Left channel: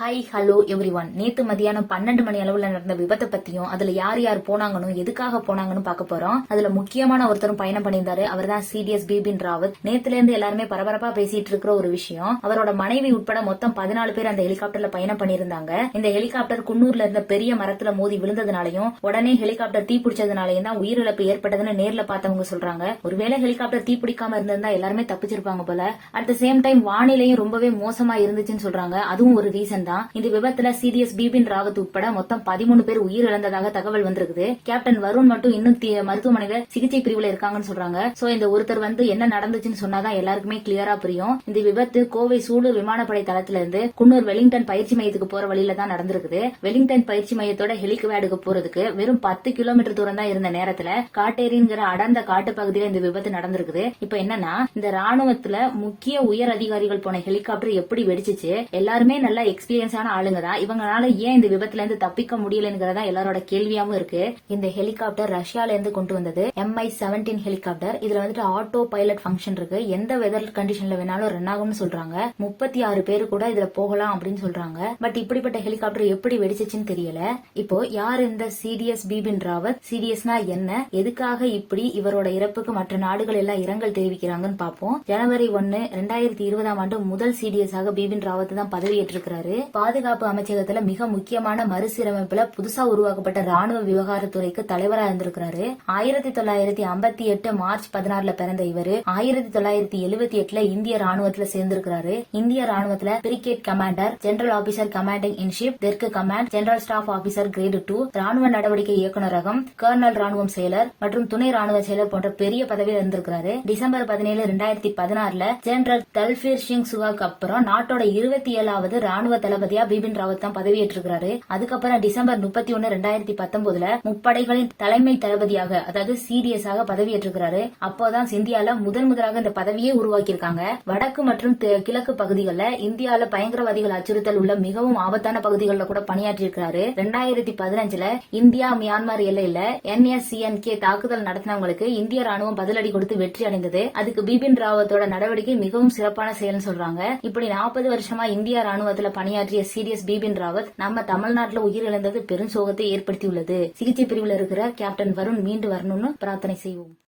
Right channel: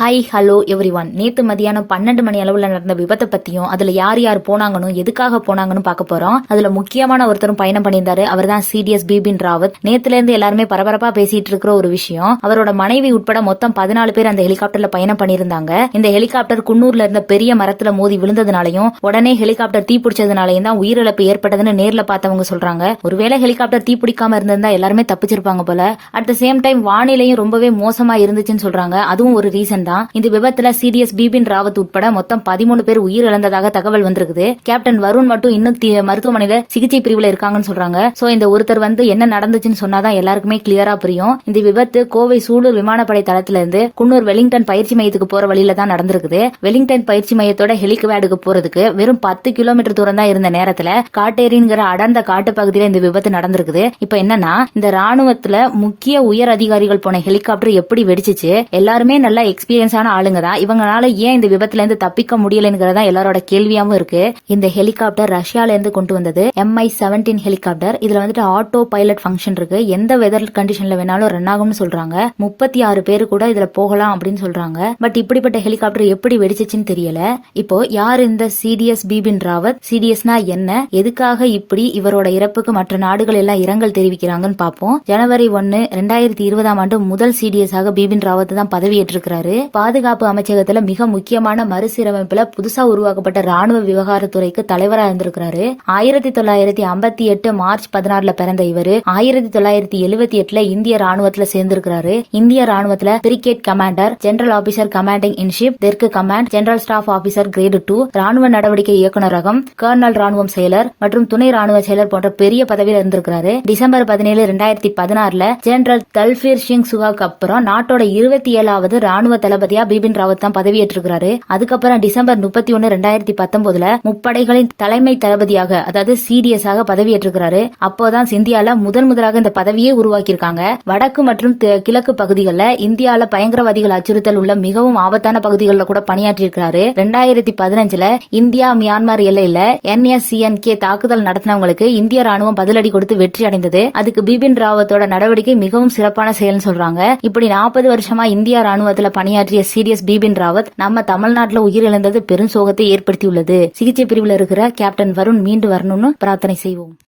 Hi hello every one. நேத்து மதியானம் 12 மணி அளவுல நடந்த விபத்தை பத்தியும் அதுல யார் யார் போனாங்கன்னு எதுக்காக போனாங்கன்னு பார்க்க போறோம். அதுல முக்கியமான ஒருத்தரும் பயணம் பண்ணியிருந்தாரு. அவர் தான் சிடிஎஸ் பிபின் ராவத். நேத்துல இருந்து எல்லாருமே பரபரப்பா பேசிட்டு இருக்கிற ஒரு விஷயம், அவரோட மனைவி உட்பட மொத்தம் 14 பேர் அந்த ஹெலிகாப்டர்ல பயணம் பண்ணியிருந்தாங்க. இந்த ஹெலிகாப்டர் குன்னூர்ல இருந்த பெரிய மரத்துல மோதி விழுந்ததுனாலையும் உடனே ஹெலிகாப்டர் தீப்பிடிச்சதுனாலையும் தான் உயிரிழப்பு ஏற்பட்டதுன்னு நேர்ல பார்த்தவங்க சொல்றாங்க. ஒருவேளை ஹெலிகாப்டர் தீப்பிடிக்காம இருந்திருந்தா எல்லாருமே தப்பிச்சிருப்பாங்க போல. அட் த சேம் டைம் வானிலையும் ரொம்பவே மோசமா இருந்துச்சுன்னு சொல்றாங்க. அதுவும் ஒரு ரீசன் தான். இந்த விபத்துல சிடிஎஸ் பிபின் ராவத் உட்பட மொத்தம் 13 பேர் உயிரிழந்ததாக தகவல் வந்திருக்குது. கேப்டன் வருண் மட்டும் இன்னும் மருத்துவமனையில சிகிச்சை பிரிவுல இருக்காங்கன்னு சொல்றாங்க. சோ இந்த ஒருத்தர் என்ன நடந்துச்சுன்னு சொன்னாதான் எல்லாருக்குமே கிளியரா புரியும். இந்த விபத்து கோவை சூலூர் விமானப்படை தளத்துல இருந்து குன்னூர் வெலிங்டன் பயிற்சி மையத்துக்கு போற வழியில தான் நடந்திருக்குது. வெலிங்டன் பயிற்சி மையத்தோட ஹெலிகாப்டருக்கு போறதுக்கு வெறும் 10 கிலோமீட்டர் தூரம் தான் இருந்த நேரத்துல காட்டேரிங்கிற அடர்ந்த காட்டு பகுதியில இந்த விபத்து நடந்திருக்குது. இப்ப என்னன்னா, இந்த ராணுவத்துல முக்கிய உயர் அதிகாரிகள் போன ஹெலிகாப்டர் எப்படி வெடிச்சிச்சு, எல்லாருமே நல்லா எக்ஸ்பீரியன்ஸான ஆளுங்க தான். இவங்களால ஏன் இந்த விபத்துல இருந்து தப்பிக்க முடியலங்கிறதா எல்லாரோட கேள்வியாவும் இருக்கு. இந்த ஹெலிகாப்டர் ரஷ்யால இருந்து கொண்டு வந்தது MI-17 ஹெலிகாப்டர். இதுல ஆட்டோ பைலட் ஃபங்க்ஷன் இருக்கு. எந்த வெதர் கண்டிஷன்ல வேணாலும் ரன் ஆகும்னு சொல்றாங்க. 36 பேரு கூட இதுல போகலாம் அப்படின்னு சொல்றாங்க. பட் இப்படிப்பட்ட ஹெலிகாப்டர் எப்படி வெடிச்சிச்சுன்னு தெரியல. இப்போ யார் இந்த சிடிஎஸ் பிபின் ராவத்? சிடிஎஸ்னா என்ன, எதுக்காக இப்படி இவரோட இறப்புக்கு மற்ற நாடுகள் எல்லாம் இரங்கல் தெரிவிக்கிறாங்கன்னு பாப்போம். ஜனவரி 1, 2020 முதல் சிடிஎஸ் ஆக பிபின் ராவத் தான் பதவியேற்றிருக்கிறாரு. பாதுகாப்பு அமைச்சகத்துல மிக முக்கியமான மறுசீரமைப்புல புதுசா உருவாக்கப்பட்ட ராணுவ விவகாரத்துறைக்கு தலைவரா இருந்திருக்கிறாரு. 1958 மார்ச் 16 பிறந்த இவரு 1978 இந்திய ராணுவத்துல சேர்ந்திருக்கிறாரு. இந்திய ராணுவத்துல brigade commander, general officer commanding in chief, தெற்கு command, general staff officer grade 2, ராணுவ நடவடிக்கை இயக்குநரகம், கர்னல் ராணுவம் செயலர் மற்றும் துணை ராணுவ செயலர் போன்ற பெரிய பதவியில இருந்திருக்கிறாரு. டிசம்பர் 17, 2016 ஜெனரல் தல்பீர் சிங் சுகாக்கு அப்புறம் நாட்டோட 27வது ராணுவ தளபதியா பிபின் ராவத் தான் பதவியேற்றிருக்கிறாரு. அதுக்கப்புறம் டிசம்பர் 31, 2019 முப்படைகளின் தலைமை தளபதியாக, அதாவது சிடிஎஸ் ஆக பதவியேற்றிருக்கிறாரு. அப்போதான் இந்தியால முதலாக இந்த பதவியே உருவாக்கியிருக்காங்க. வடக்கு மற்றும் கிழக்கு பகுதிகளில் இந்தியால பயங்கரவாதிகள் அச்சுறுத்தல் உள்ள மிகவும் ஆபத்தான பகுதிகளில் கூட பணியாற்றியிருக்கிறாரு. 2015 இந்தியா மியான்மர் எல்லையில NSCNK தாக்குதல் நடத்தினவங்களுக்கு இந்திய ராணுவம் பதிலடி கொடுத்து வெற்றி அடைந்தது. அதுக்கு பிபின் ராவத்தோட நடவடிக்கை மிகவும் சிறப்பான செயல்னு சொல்றாங்க. இப்படி 40 வருஷமா இந்திய ராணுவத்துல பணியாற்றிய சிடிஎஸ் பிபின் ராவத் நம்ம தமிழ்நாட்டுல உயிரிழந்தது பெரும் சோகத்தை ஏற்படுத்தியுள்ளது. சிகிச்சை பிரிவில் இருக்கிற கேப்டன் வருண் மீண்டு வரணும்னு பிரார்த்தனை செய்வோம்.